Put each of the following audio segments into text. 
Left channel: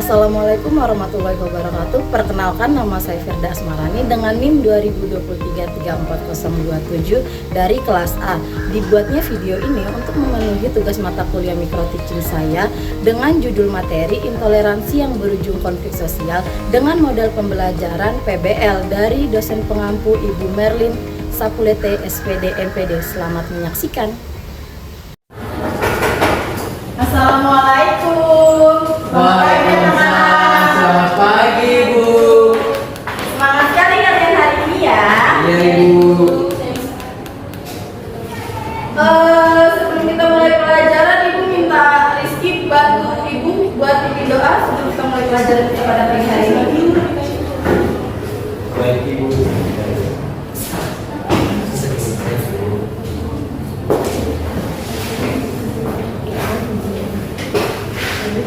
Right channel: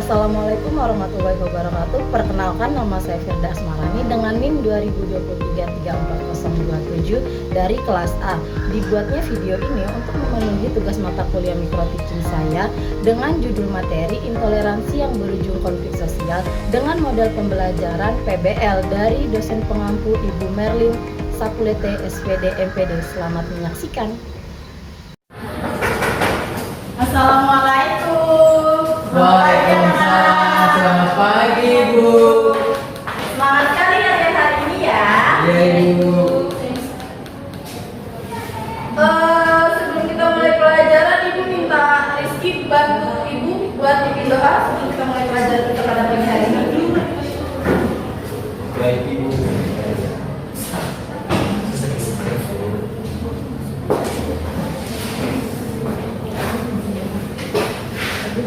Assalamualaikum warahmatullahi wabarakatuh. Perkenalkan, nama saya Firda Asmarani dengan NIM 2023344027 dari kelas A. Dibuatnya video ini untuk memenuhi tugas mata kuliah mikro teaching saya dengan judul materi intoleransi yang berujung konflik sosial dengan model pembelajaran PBL dari dosen pengampu Ibu Merlin Sapulete SPD MPD. Selamat menyaksikan. Assalamualaikum. Waalaikumsalam. Selamat pagi, Bu. Semangat sekali kalian hari ini ya. Iya, Ibu. Sebelum kita mulai pelajaran, Ibu minta Rizky bantu Ibu buat bikin doa sebelum kita mulai pelajaran kita pada pagi hari ini. Baik, Ibu.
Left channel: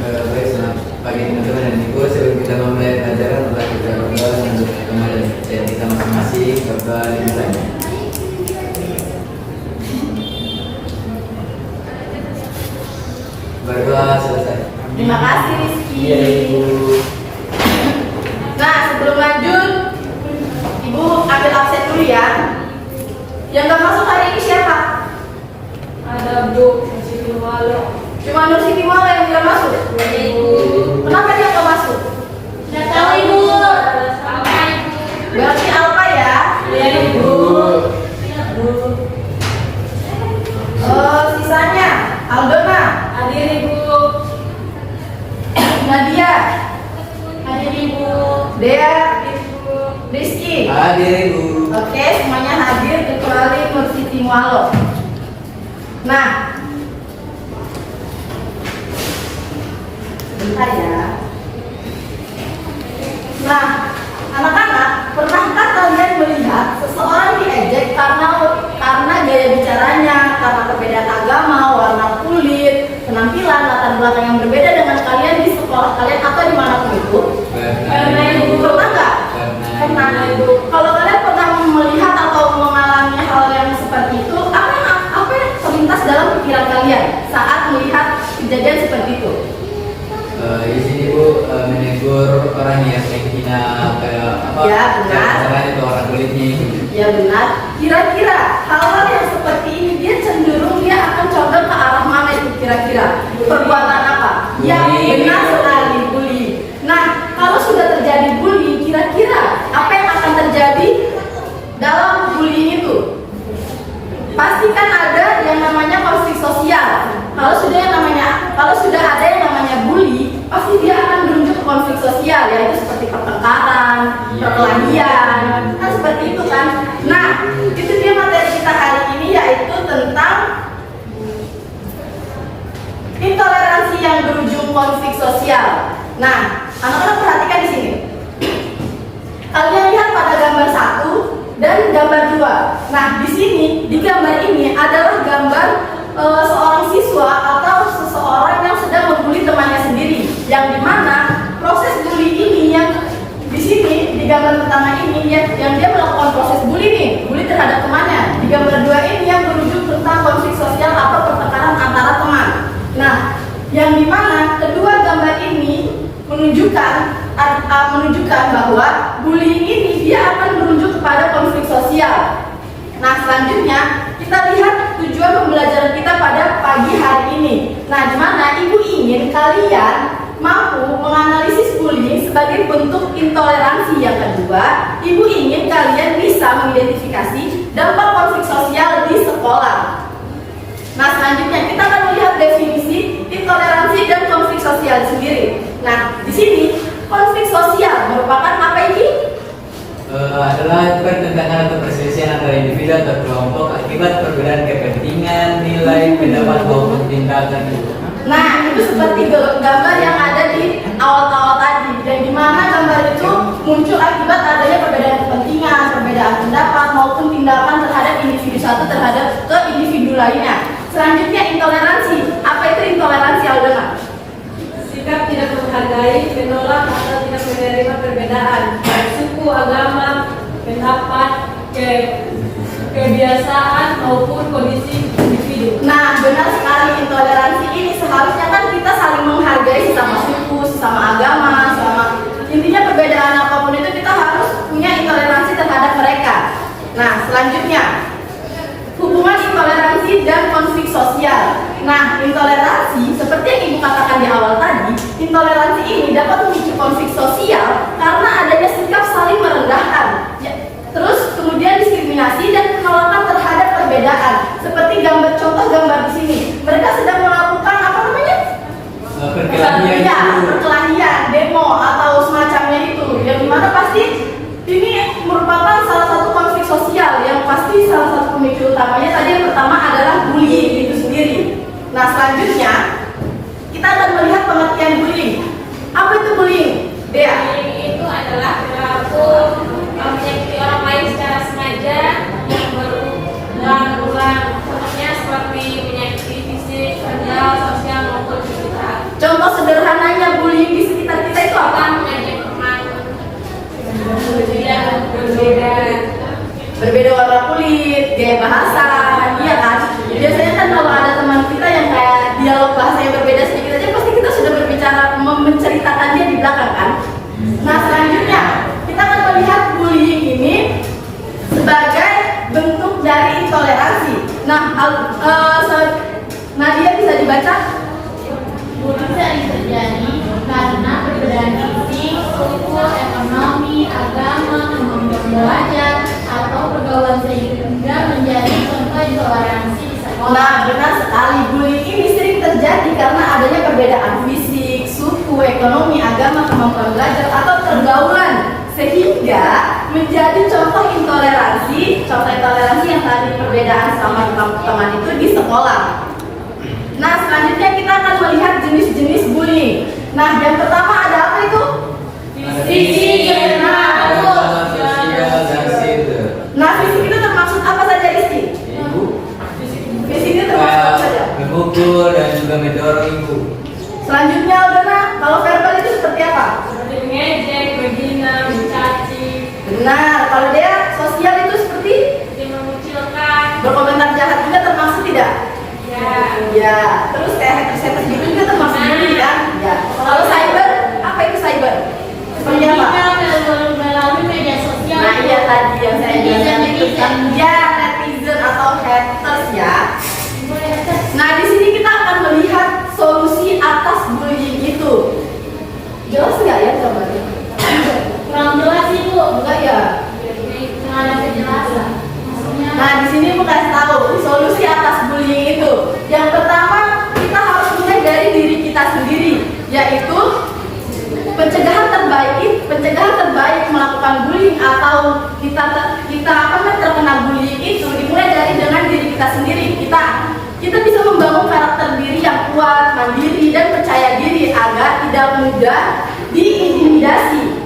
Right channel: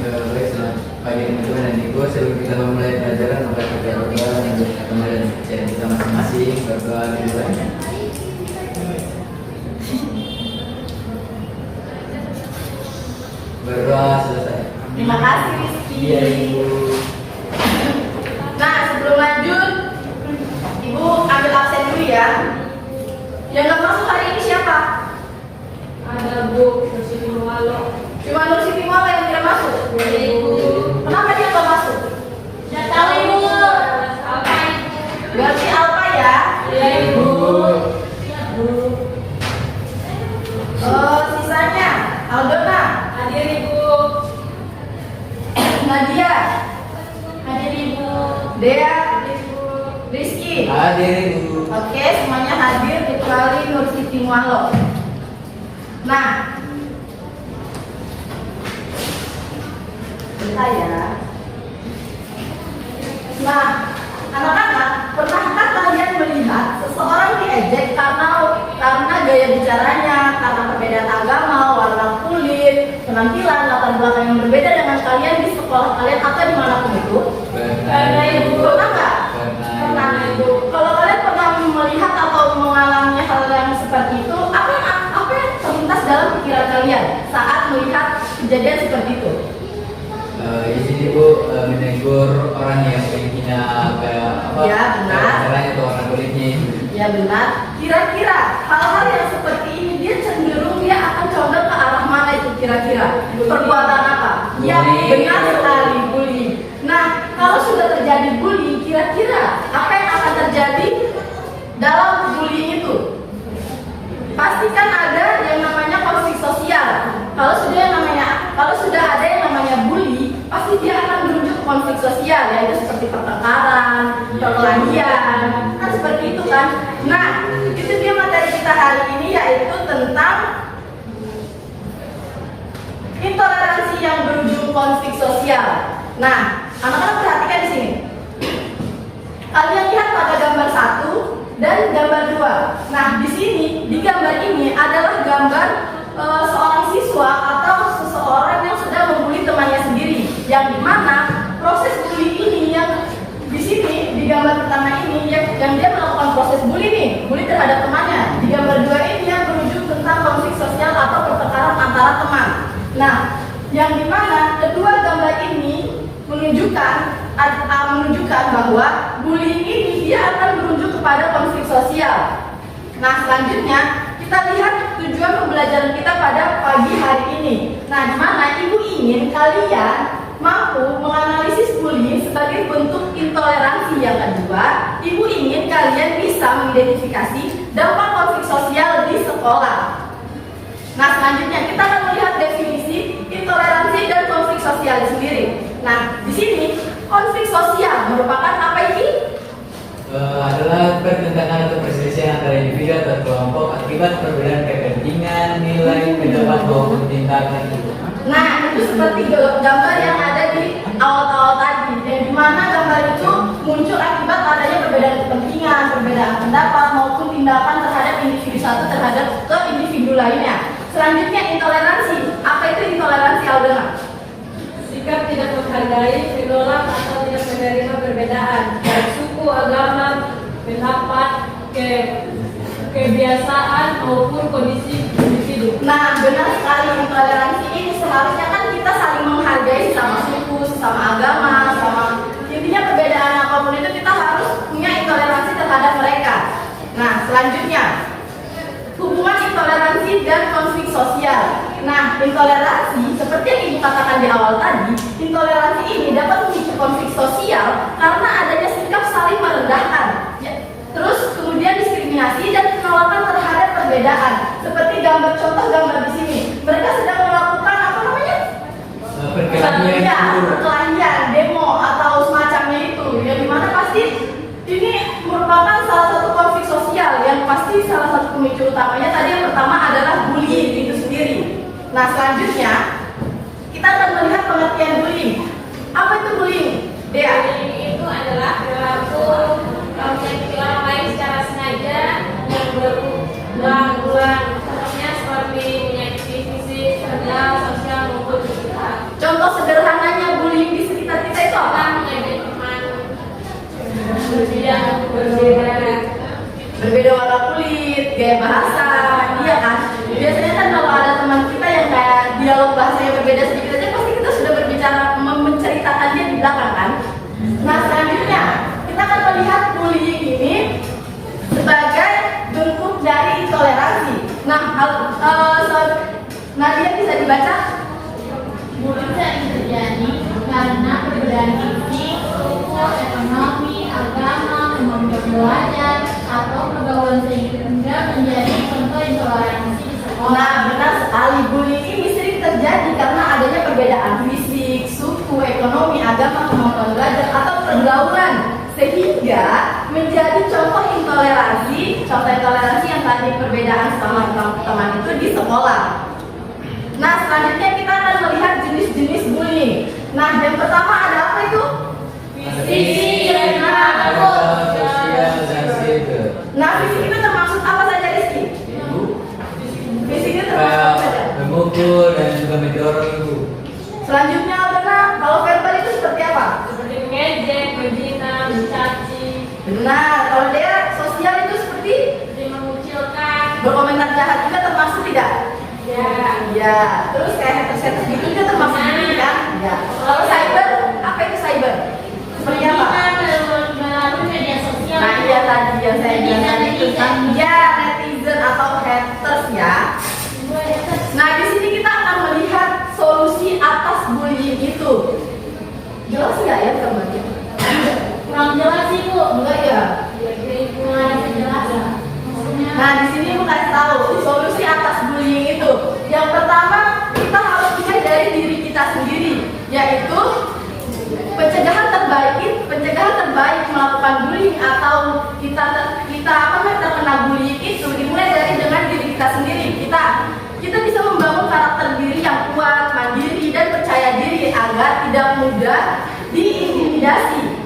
Baik, selamat pagi teman-teman dan Ibu. Sebelum kita memulai pelajaran, mari kita berdoa untuk agama dan kepercayaan kita masing-masing. Berdoa dimulai. Berdoa selesai. Terima kasih Rizky. Iya, Ibu. Nah, sebelum lanjut, Ibu ambil absen dulu ya. Yang nggak masuk hari ini siapa? Ada Bu Siti Walo. Cuma Nur Siti Mala yang nggak masuk. Kenapa dia nggak masuk? Nggak tahu Ibu. Apa Ibu? Berarti Alpa ya? Iya Ibu. Sisanya Aldona, Hadir Ibu. Nadia, Hadir Ibu. Dea, Ibu. Rizky. Hadir, Ibu. Oke, semuanya hadir kecuali Nur Siti Walo. Nah, bentar ya. Nah, anak-anak, pernahkah kalian melihat seseorang diejek karena gaya bicaranya, karena perbedaan agama, warna kulit, penampilan, latar belakang yang berbeda dengan kalian di sekolah kalian atau dimanapun itu? Karena Ibu. Pernah nggak? Pernah Ibu. Kalau kalian pernah melihat atau mengalami hal yang seperti itu, apa yang terlintas dalam pikiran kalian saat melihat kejadian seperti itu? Di sini Bu menegur orang yang menghina ke apa? Ya, benar. Caranya ke warna kulitnya. Ya benar. Kira-kira hal-hal yang seperti ini dia cenderung dia akan condong ke arah mana itu kira-kira? Perbuatan apa? Yang Bullying. benar sekali, bullying. Nah, kalau sudah terjadi bullying, kira-kira apa yang akan terjadi dalam bullying itu? Pasti kan ada yang namanya konflik sosial. Kalau sudah ada yang namanya bully, pasti dia akan berujung ke konflik sosial, yaitu seperti pertengkaran, perkelahian, kan seperti itu kan. Nah, itu dia materi kita hari ini, yaitu tentang intoleransi yang berujung konflik sosial. Nah, anak-anak perhatikan di sini. Kalian lihat pada gambar 1 dan gambar 2. Nah, di sini di gambar ini adalah gambar seorang siswa atau seseorang yang sedang membuli temannya sendiri, yang dimana proses bully ini yang di sini di gambar pertama ini yang dia melakukan proses bully terhadap temannya. Di gambar 2 ini yang berujung tentang konflik sosial atau pertengkaran antara teman. Nah, yang dimana kedua gambar ini menunjukkan bahwa bullying ini dia akan berujung kepada konflik sosial. Nah, selanjutnya kita lihat tujuan pembelajaran kita pada pagi hari ini. Nah, di mana Ibu ingin kalian mampu menganalisis bullying sebagai bentuk intoleransi. Yang kedua, Ibu ingin kalian bisa mengidentifikasi dampak konflik sosial di sekolah. Nah, selanjutnya kita akan melihat definisi intoleransi dan konflik sosial sendiri. Nah, di sini konflik sosial merupakan apa ini? Adalah pertentangan atau perselisihan antara individu atau kelompok akibat perbedaan kepentingan, nilai, pendapat maupun tindakan. Nah, itu seperti gambar yang ada di awal-awal tadi, dan di mana gambar itu muncul akibat adanya perbedaan kepentingan, perbedaan pendapat maupun tindakan terhadap individu satu terhadap ke individu lainnya. Selanjutnya intoleransi. Apa itu intoleransi, Aldona? Sikap tidak menghargai, menolak atau tidak menerima perbedaan baik suku, agama, pendapat, kebiasaan maupun kondisi individu. Nah, benar sekali, intoleransi ini seharusnya kan kita saling menghargai sesama suku, sesama agama, Nah, selanjutnya hubungan intoleransi dan konflik sosial. Nah, intoleransi seperti yang Ibu katakan di awal tadi, intoleransi ini dapat memicu konflik sosial karena adanya sikap saling merendahkan. Ya, terus kemudian diskriminasi dan penolakan terhadap perbedaan. Seperti contoh gambar di sini. Mereka sedang melakukan apa namanya? Perkelahian Ya, itu. perkelahian, demo atau semacamnya itu. Yang dimana pasti ini merupakan salah satu konflik sosial yang pasti salah satu pemicu utamanya tadi yang pertama adalah bullying itu sendiri. Nah, selanjutnya kita akan melihat pengertian bullying. Apa itu bullying? Dea? Bullying itu adalah perilaku menyakiti orang lain secara sengaja yang berulang-ulang. Contohnya seperti menyakiti fisik, verbal, sosial maupun psikis. Contoh sederhananya bullying di sekitar kita itu apa? Mengajak teman yang Berbeda warna kulit, gaya bahasa, iya kan? Biasanya kan kalau ada teman kita yang kayak dialog bahasanya berbeda sedikit aja, pasti kita sudah berbicara menceritakannya di belakang kan? Nah, selanjutnya kita akan melihat bullying ini sebagai bentuk dari intoleransi. Nah, Nadia bisa dibaca? Bullying terjadi karena perbedaan fisik, suku, ekonomi, agama, kemampuan belajar, atau pergaulan sehingga menjadi contoh intoleransi di sekolah. Nah, benar sekali. Bullying ini sering terjadi karena adanya perbedaan fisik, suku, ekonomi, agama, kemampuan belajar, atau pergaulan sehingga menjadi contoh intoleransi yang tadi perbedaan sama teman-teman itu di sekolah. Nah, selanjutnya kita akan melihat jenis-jenis bullying. Nah, yang pertama ada apa itu? Fisik. Sosial dan cyber. Nah, fisik itu termaksud apa saja, Rizky? Ibu Fisik itu termaksud apa saja? memukul dan juga mendorong ibu. Selanjutnya, Aldana, kalau verbal itu seperti apa? seperti mengejek, menghina, mencaci, Benar. Kalau dia sosial itu seperti mengucilkan. berkomentar jahat juga termasuk tidak? Ya, Ya. Terus kayak haters gitu juga termasuk bullying kan? Ya. Kalau cyber, apa itu cyber? Seperti apa? Melalui media sosial. Nah, iya tadi yang saya bilang itu kan, ya netizen atau haters ya. Nah, di sini kita akan melihat solusi atas bullying itu. Jelas nggak ya gambarnya? Kurang jelas sih Bu. Enggak ya? Nggak ada kejelasan. Maksudnya Nah, di sini mau kasih tahu solusi atas bullying itu. Yang pertama, kita harus mulai dari diri kita sendiri, yaitu pencegahan terbaik melakukan bullying atau kita apa namanya terkena bullying itu dimulai dari dengan diri kita sendiri. Kita bisa membangun karakter diri yang kuat, mandiri dan percaya diri agar tidak mudah diintimidasi.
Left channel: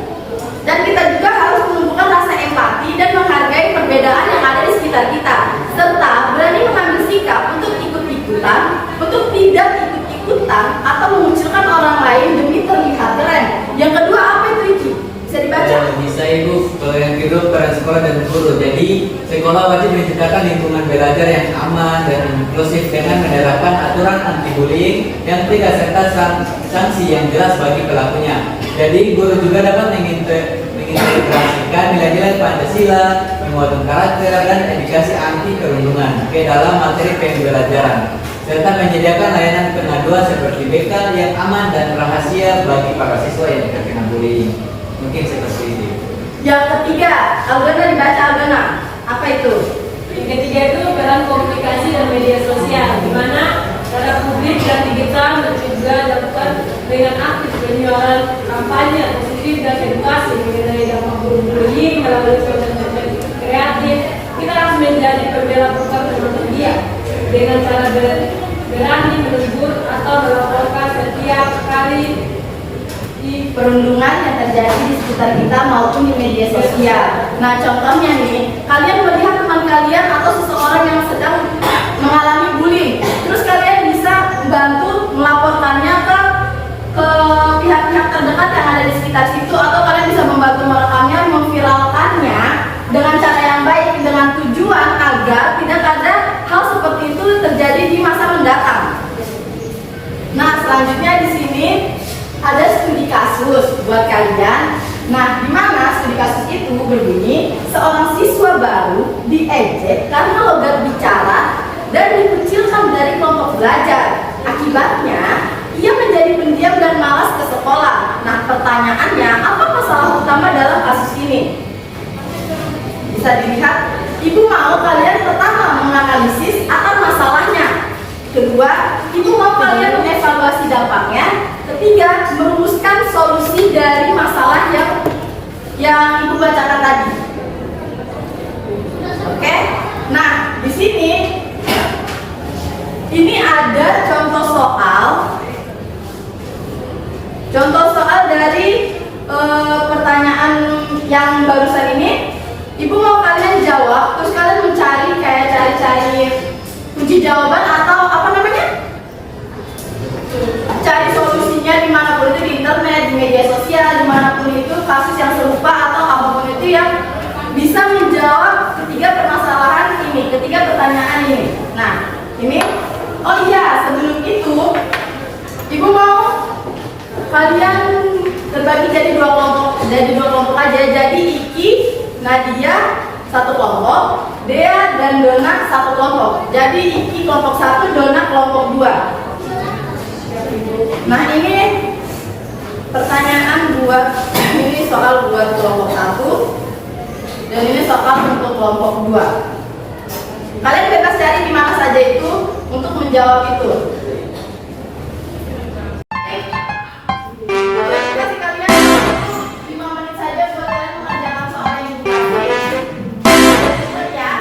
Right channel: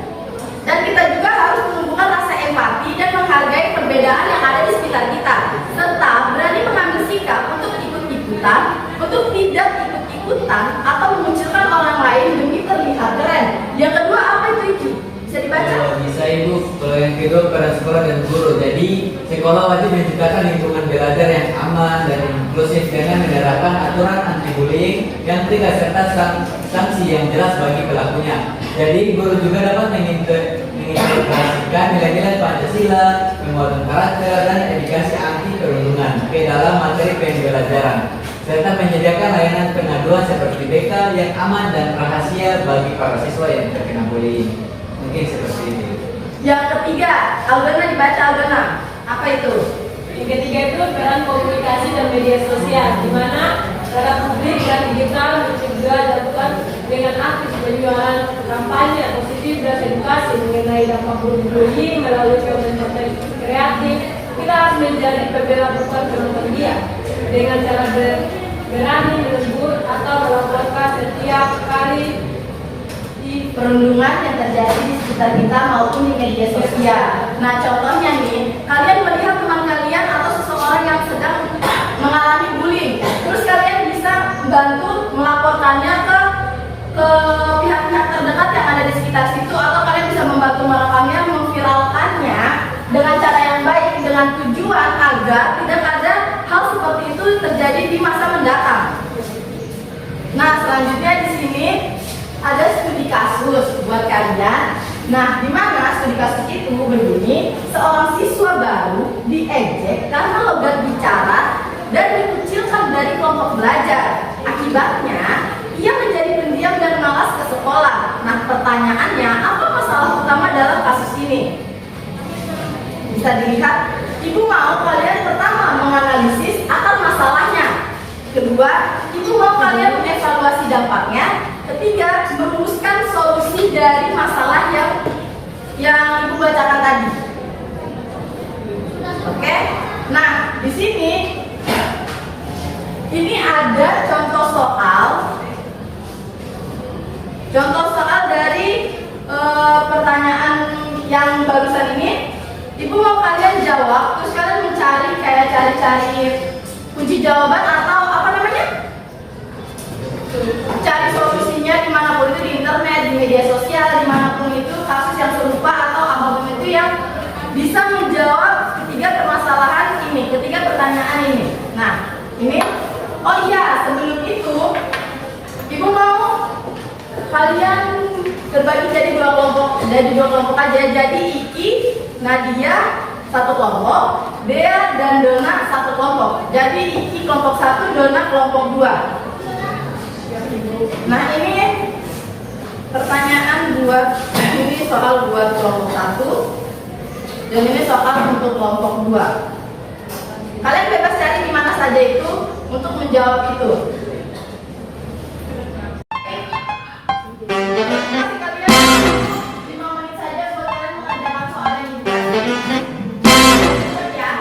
Dan kita juga harus menumbuhkan rasa empati dan menghargai perbedaan yang ada di sekitar kita, serta berani mengambil sikap untuk ikut-ikutan, untuk tidak ikut-ikutan atau memunculkan orang lain demi terlihat keren. Yang kedua apa itu, Iki? Bisa dibaca? Bisa ibu. Kalau yang kedua peran sekolah dan guru. Jadi sekolah wajib menciptakan lingkungan belajar yang aman dan inklusif dengan menerapkan aturan anti bullying yang tegas serta sanksi yang jelas bagi pelakunya. Jadi guru juga dapat mengintegrasikan nilai-nilai Pancasila, penguatan karakter dan edukasi anti perundungan ke dalam materi pembelajaran, serta menyediakan layanan pengaduan seperti BK yang aman dan rahasia bagi para siswa yang terkena bullying. Mungkin seperti itu. Yang ketiga, Aldana dibaca, Aldana. Apa itu? yang ketiga itu peran komunikasi dan media sosial, di mana para publik dan digital juga dilakukan dengan aktif penjualan kampanye positif dan edukasi mengenai dampak bullying melalui konten kreatif. Kita harus menjadi pembela program media dengan cara berani menegur atau melaporkan setiap kali Perundungan yang terjadi di sekitar kita maupun di media sosial. Nah, contohnya nih, kalian melihat teman kalian atau seseorang yang sedang mengalami bullying, terus kalian bisa bantu melaporkannya ke pihak-pihak terdekat yang ada di sekitar situ, atau kalian bisa membantu merekamnya, memviralkannya dengan cara yang baik, dengan tujuan agar tidak ada hal seperti itu terjadi di masa mendatang. Nah, selanjutnya di sini ada studi kasus buat kalian. Nah, di mana studi kasus itu berbunyi seorang siswa baru diejek karena logat bicara dan dikucilkan dari kelompok belajar. Akibatnya, ia menjadi pendiam dan malas ke sekolah. Nah, pertanyaannya, apa masalah utama dalam kasus ini? Bisa dilihat, ibu mau kalian pertama menganalisis akan masalahnya. Kedua, ibu mau kalian mengevaluasi dampaknya. Ketiga, merumuskan solusi dari masalah yang ibu bacakan tadi. Oke? Nah, di sini ini ada contoh soal dari pertanyaan yang barusan ini. Ibu mau kalian jawab, terus kalian mencari cari kunci jawaban atau apa namanya? Cari solusinya dimanapun itu, di internet, di media sosial, dimanapun itu, kasus yang serupa atau apapun itu yang bisa menjawab ketiga permasalahan ini, ketiga pertanyaan ini. Nah, ini, oh iya, sebelum itu, ibu mau kalian terbagi jadi dua kelompok aja. Jadi Iki, Nadia satu kelompok, Dea dan Dona satu kelompok. Jadi Iki kelompok 1, Dona kelompok 2. Nah, ini pertanyaan ini soal buat kelompok 1 dan ini soal untuk kelompok 2. Kalian bebas cari di mana saja itu untuk menjawab itu. Kasih kalian 5 menit saja buat kalian mengerjakan soal yang dikasih. Ya,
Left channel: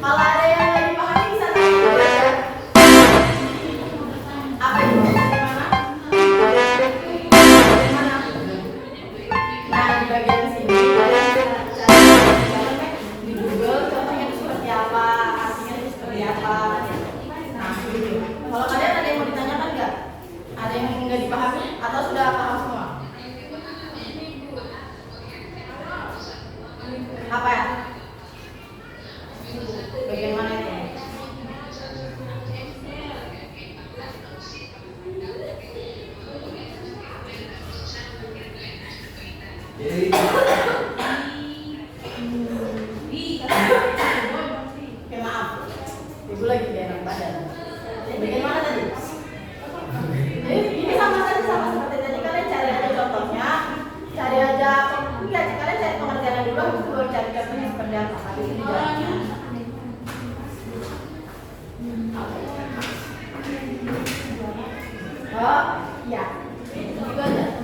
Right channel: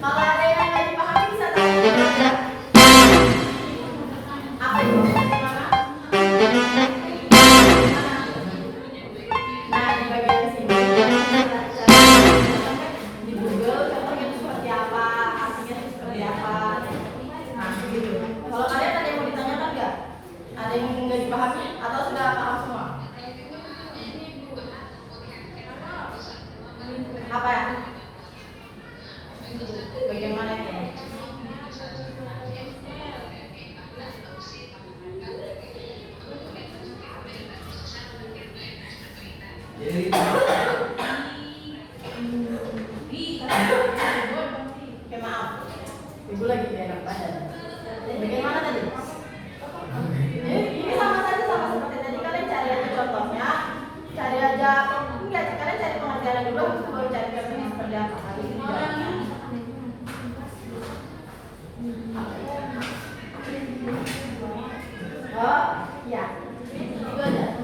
kalau ada yang nggak dipahami bisa tanya dulu ya. Apa itu? Gimana? Nah, di bagian sini di Google contohnya itu seperti apa, artinya itu seperti apa. Nah, gitu. Kalau kalian ada yang mau ditanyakan nggak? Ada yang nggak dipahami atau sudah paham semua? Apa ya? Bagian mana itu? Jadi Oke, maaf. Ibu lagi gak enak badan. Bagian mana tadi? Ini sama saja sama seperti tadi. Kalian cari aja contohnya. Cari aja, enggak, kalian cari pengertiannya dulu, habis itu baru cari contohnya seperti apa. Habis itu dijawab. Oh, iya. Itu aja.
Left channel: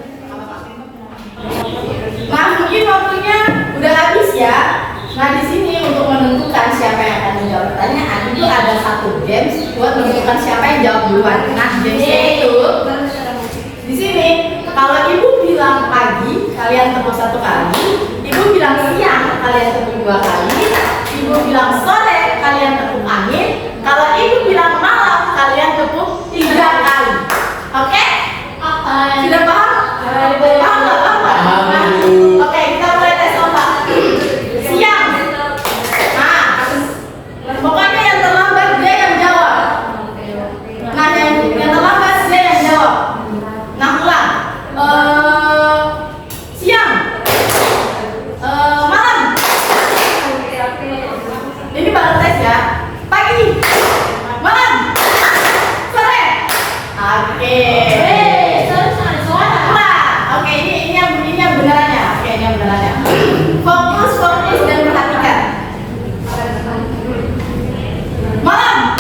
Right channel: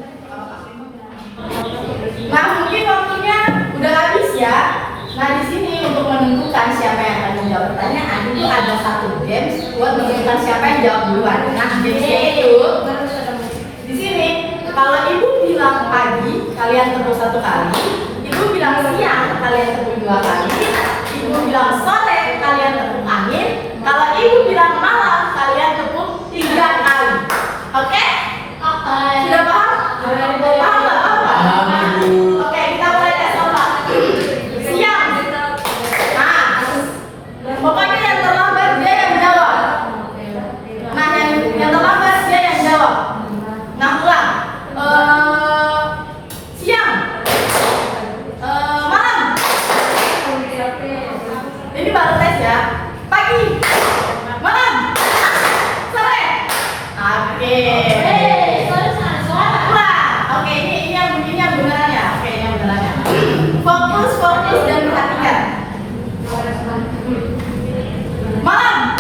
Nah, mungkin waktunya udah habis ya. Nah, di sini untuk menentukan siapa yang akan menjawab pertanyaan itu ada satu games buat menentukan siapa yang jawab duluan. Nah, gamesnya itu di sini kalau ibu bilang pagi, kalian tepuk 1 kali. Ibu bilang siang, kalian tepuk 2 kali. Ibu bilang sore, kalian tepuk angin. Kalau ibu bilang malam, kalian tepuk 3 kali. Oke? Sudah paham? Paham nggak? Paham nggak? Oke, kita mulai tes otak. Siang. Nah, pokoknya yang terlambat dia yang jawab. Nah, yang terlambat dia yang jawab. Nah, ulang. Siang. Malam. Ini baru tes ya. Pagi. Malam. Sore. Oke. Oke, ini yang benerannya. Oke, ini yang benerannya. Fokus dan perhatikan. Malam.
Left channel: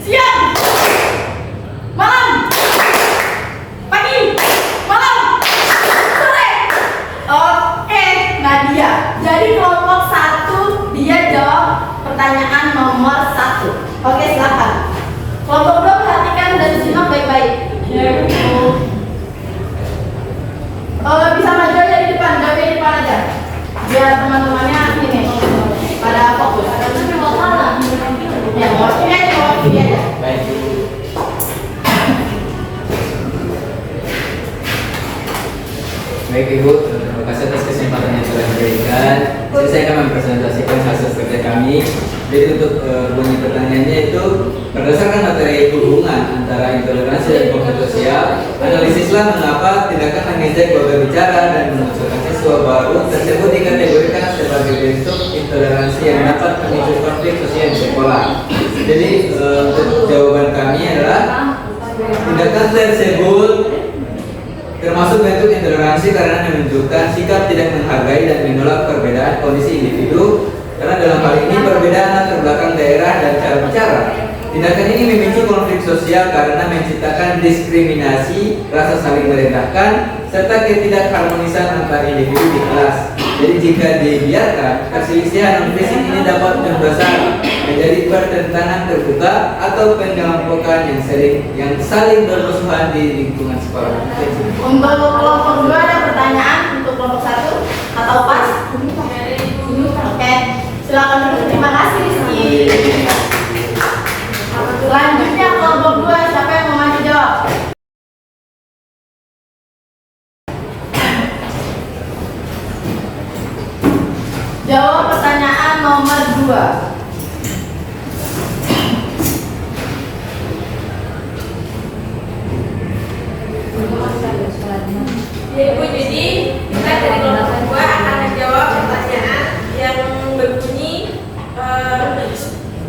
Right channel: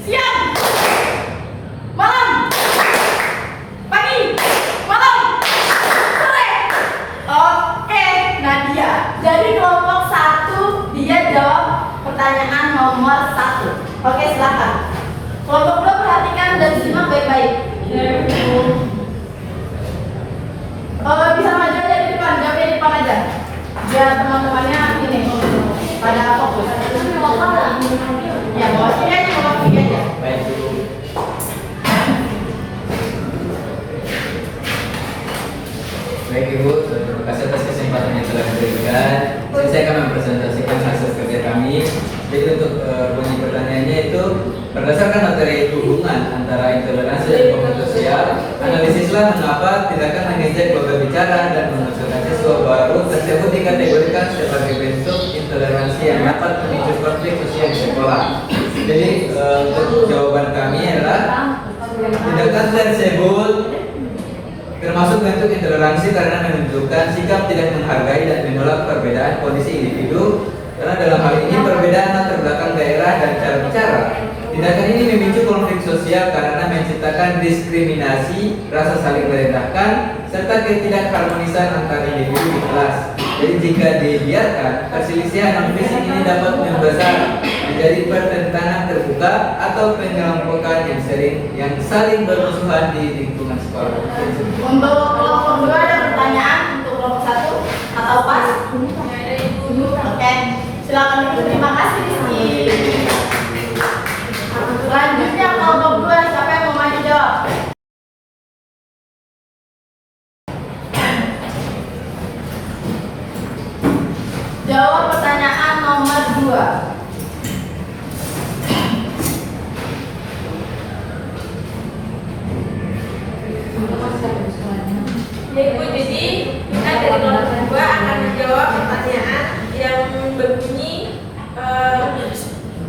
Siang. Malam. Pagi. Malam. Sore. Oke, Nadia. Jadi kelompok 1 dia jawab pertanyaan nomor 1. Oke, silakan. Kelompok 2 perhatikan dan simak baik-baik. Bisa maju aja di depan, jawabnya di depan aja. Biar teman-temannya ini pada fokus. Ya, bawa sini aja. baik. Baik Ibu, terima kasih atas kesempatan yang telah diberikan. Saya akan mempresentasikan hasil kerja kami kami. Jadi untuk bunyi pertanyaannya itu berdasarkan materi hubungan antara intoleransi dan konflik sosial, analisislah mengapa tindakan mengejek lawan bicara dan memasukkan siswa baru tersebut dikategorikan sebagai bentuk intoleransi yang dapat memicu konflik sosial di sekolah. Jadi untuk jawaban kami adalah tindakan tersebut termasuk bentuk intoleransi karena menunjukkan sikap tidak menghargai dan menolak perbedaan kondisi individu. Karena dalam hal ini perbedaan latar belakang daerah dan cara bicara. Tindakan ini memicu konflik sosial karena menciptakan diskriminasi, rasa saling merendahkan, serta ketidakharmonisan antar individu di kelas. Jadi jika dibiarkan, perselisihan fisik ini dapat membesar menjadi pertentangan terbuka atau penyelompokan yang saling bermusuhan di lingkungan sekolah. Untuk kelompok 2 ada pertanyaan untuk kelompok 1 atau pas? Oke, silakan dulu. Terima kasih Rizky. Selanjutnya kelompok 2, siapa yang mau maju jawab? Jawab pertanyaan nomor 2. Ya Ibu, jadi kita dari kelompok 2 akan menjawab pertanyaan yang berbunyi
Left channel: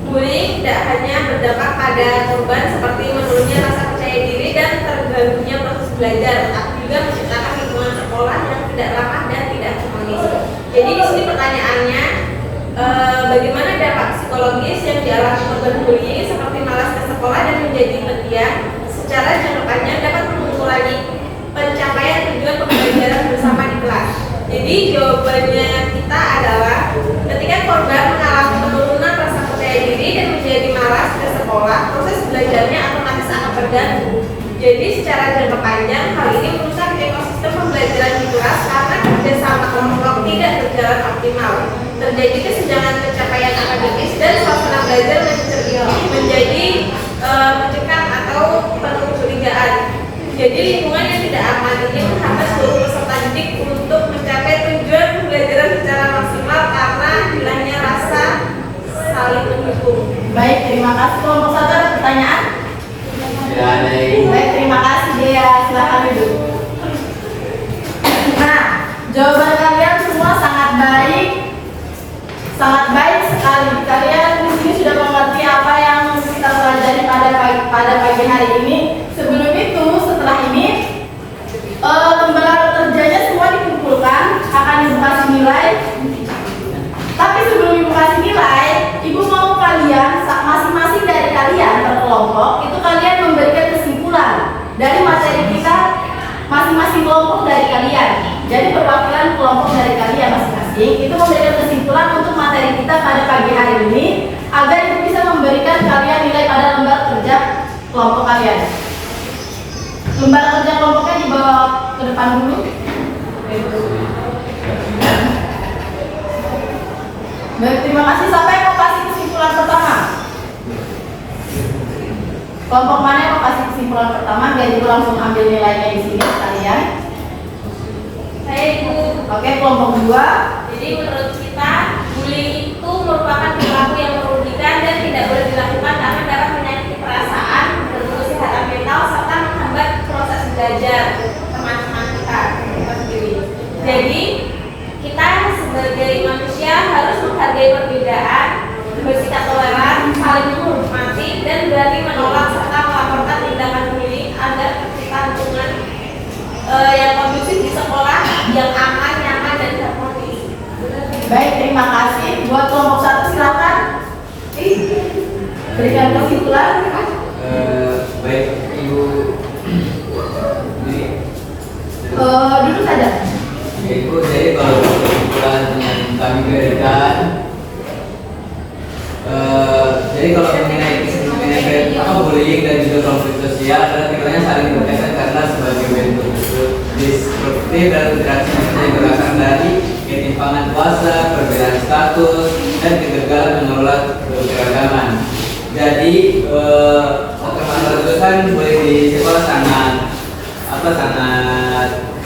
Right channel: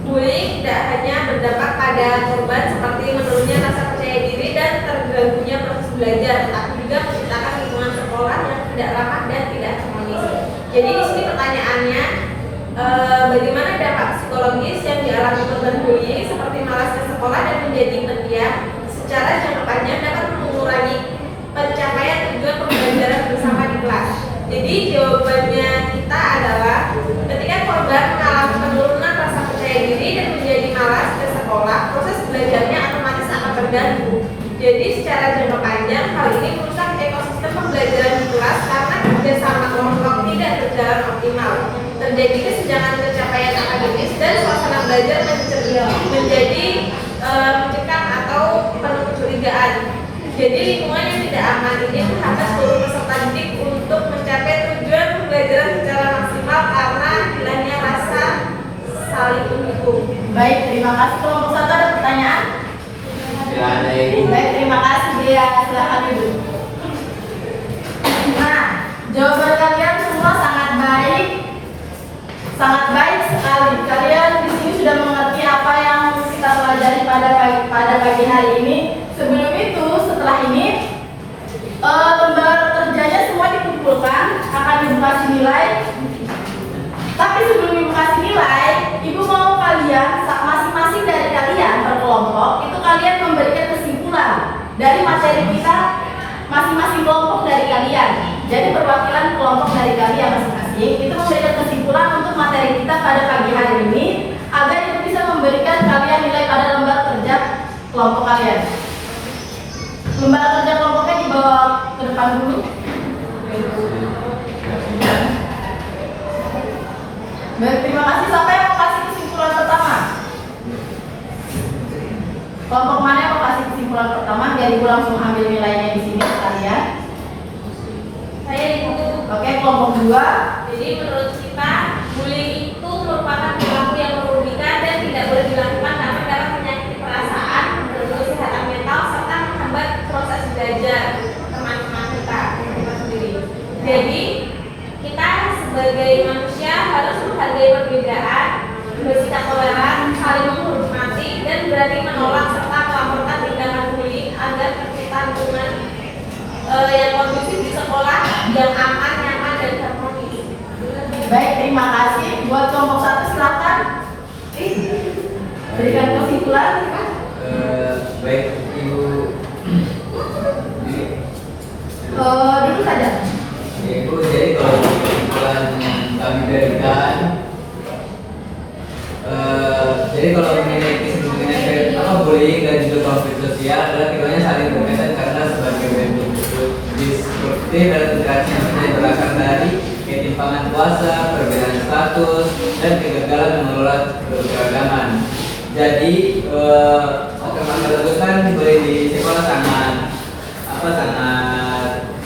bullying tidak hanya berdampak pada korban seperti menurunnya rasa percaya diri dan terganggunya proses belajar, tetapi juga menciptakan lingkungan sekolah yang tidak ramah dan tidak harmonis. Jadi di sini pertanyaannya, bagaimana dampak psikologis yang dialami korban bullying seperti malas ke sekolah dan menjadi pendiam secara jangka panjang dapat mengurangi pencapaian tujuan pembelajaran bersama di kelas. Jadi jawabannya kita adalah ketika korban mengalami penurunan rasa percaya diri dan menjadi malas ke sekolah, proses belajarnya otomatis akan terganggu. Jadi secara jangka panjang hal ini merusak ekosistem pembelajaran di kelas karena kerjasama kelompok tidak berjalan optimal. Terjadi kesenjangan pencapaian akademis dan suasana belajar menjadi mencekam atau penuh kecurigaan. Jadi lingkungan yang tidak aman ini menghambat seluruh peserta didik untuk mencapai tujuan pembelajaran secara maksimal karena hilangnya rasa saling mendukung. Baik, terima kasih. Kelompok 1 ada pertanyaan? Ya, ada Ibu. Baik, terima kasih Dea. Silakan duduk. Nah, jawaban kalian semua sangat baik sekali. Kalian di sini sudah mengerti apa yang kita pelajari pada pagi hari ini. Sebelum itu, setelah ini, lembar kerjanya semua dikumpulkan, akan Ibu kasih nilai. Tapi sebelum Ibu kasih nilai, Ibu mau kalian, masing-masing dari kalian per kelompok, itu kalian memberikan kesimpulan dari materi kita, masing-masing kelompok dari kalian. Jadi perwakilan kelompok dari kalian masing-masing itu memberikan kesimpulan untuk materi kita pada pagi hari ini, agar Ibu bisa memberikan kalian nilai pada lembar kerja kelompok kalian. Lembar kerja kelompoknya dibawa ke depan dulu. Baik, terima kasih. Siapa yang mau kasih kesimpulan pertama? Kelompok mana yang mau kasih kesimpulan pertama? Biar Ibu langsung ambil nilainya di sini sekalian. Saya Ibu. Oke, kelompok 2. Jadi menurut kita bullying itu merupakan perilaku yang merugikan dan tidak boleh dilakukan karena dapat menyakiti perasaan, mengganggu kesehatan mental serta menghambat proses belajar teman-teman kita sendiri. Jadi kita sebagai manusia harus menghargai perbedaan, bersikap toleran, saling menghormati dan berani menolak serta melaporkan tindakan bullying agar tercipta lingkungan yang kondusif di sekolah yang aman, nyaman dan harmonis. Baik, terima kasih. Buat kelompok 1 silakan. Berikan kesimpulan. Baik, Ibu. Duduk saja. Ya, Ibu, jadi kalau kesimpulan yang kami berikan, jadi kalau mengenai bullying dan juga konflik sosial adalah keduanya saling berkaitan karena sebagai bentuk disruptif dan interaksi yang berasal dari ketimpangan kuasa, perbedaan status, dan kegagalan mengelola keberagaman. Jadi permasalahan itu kan di sekolah sangat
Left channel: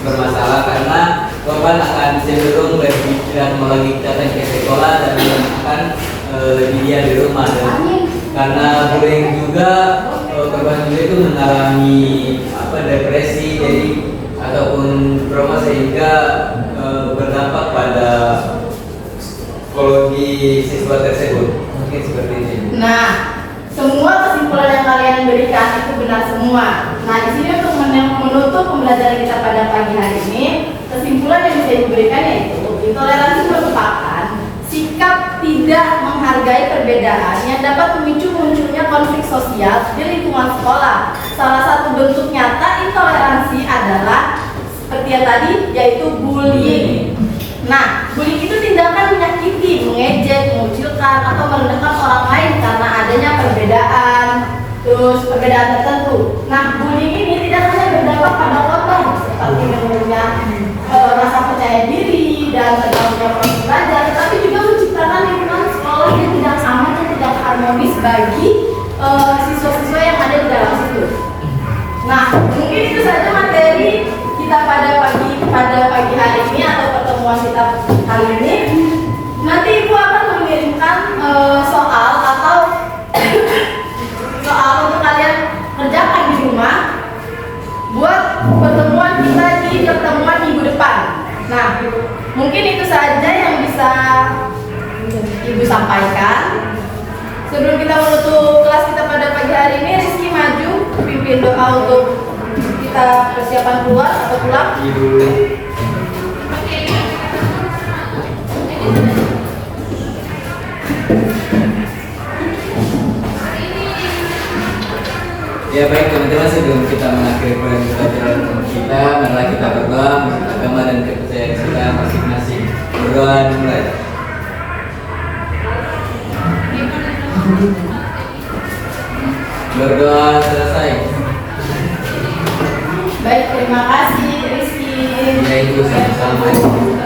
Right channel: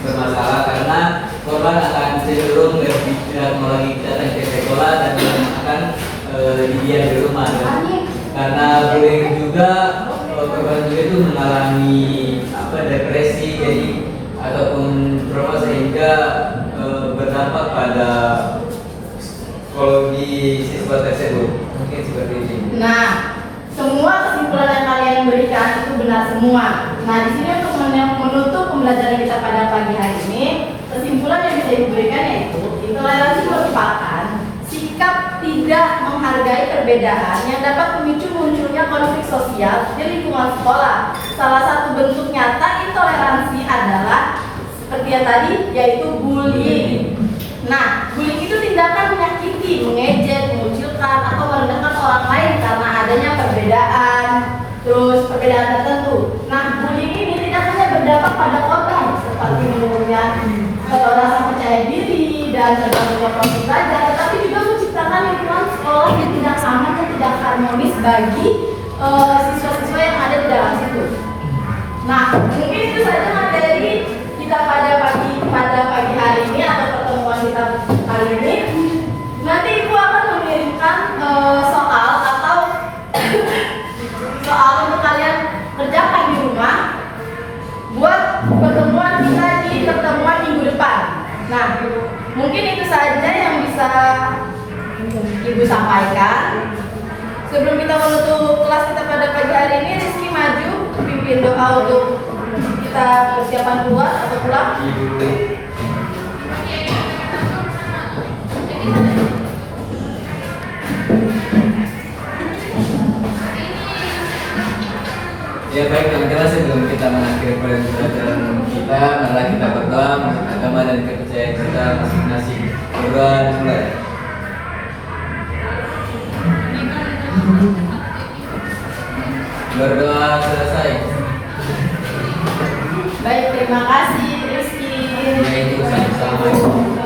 bermasalah karena korban akan cenderung tidak mau lagi datang ke sekolah dan akan dia di rumah. Dan Amin. karena bullying juga korban bullying itu mengalami depresi jadi ataupun trauma sehingga berdampak pada psikologi siswa tersebut. Mungkin seperti itu. Nah, semua kesimpulan yang kalian berikan itu benar semua. Nah, di sini untuk menutup pembelajaran kita pada pagi hari ini, kesimpulan yang bisa diberikan yaitu intoleransi merupakan sikap tidak menghargai perbedaan yang dapat memicu munculnya konflik sosial di lingkungan sekolah. Salah satu bentuk nyata intoleransi adalah seperti yang tadi, yaitu bullying. Nah, bullying itu tindakan menyakiti, mengejek, mengucilkan, atau merendahkan orang lain karena adanya perbedaan, terus perbedaan tertentu. Nah, bullying ini tidak hanya berdampak pada korban, seperti menurunnya rasa percaya diri dan terganggunya proses belajar, tapi juga menciptakan lingkungan sekolah yang tidak aman dan tidak harmonis bagi siswa-siswa yang ada di dalam situ. Nah, mungkin itu saja materi kita pada pagi hari ini atau pertemuan kita kali ini. Nanti Ibu akan mengirimkan soal atau soal untuk kalian kerjakan di rumah buat pertemuan kita di pertemuan minggu depan. Nah, mungkin itu saja yang bisa Ibu sampaikan. Sebelum kita menutup kelas kita pada pagi hari ini, Rizky maju pimpin doa untuk kita persiapan keluar atau pulang. Ya baik teman-teman, sebelum kita mengakhiri pelajaran kita, marilah kita berdoa menurut agama dan kepercayaan kita masing-masing. Berdoa dimulai. Berdoa selesai. Baik, terima kasih Rizky. Ya itu, assalamualaikum.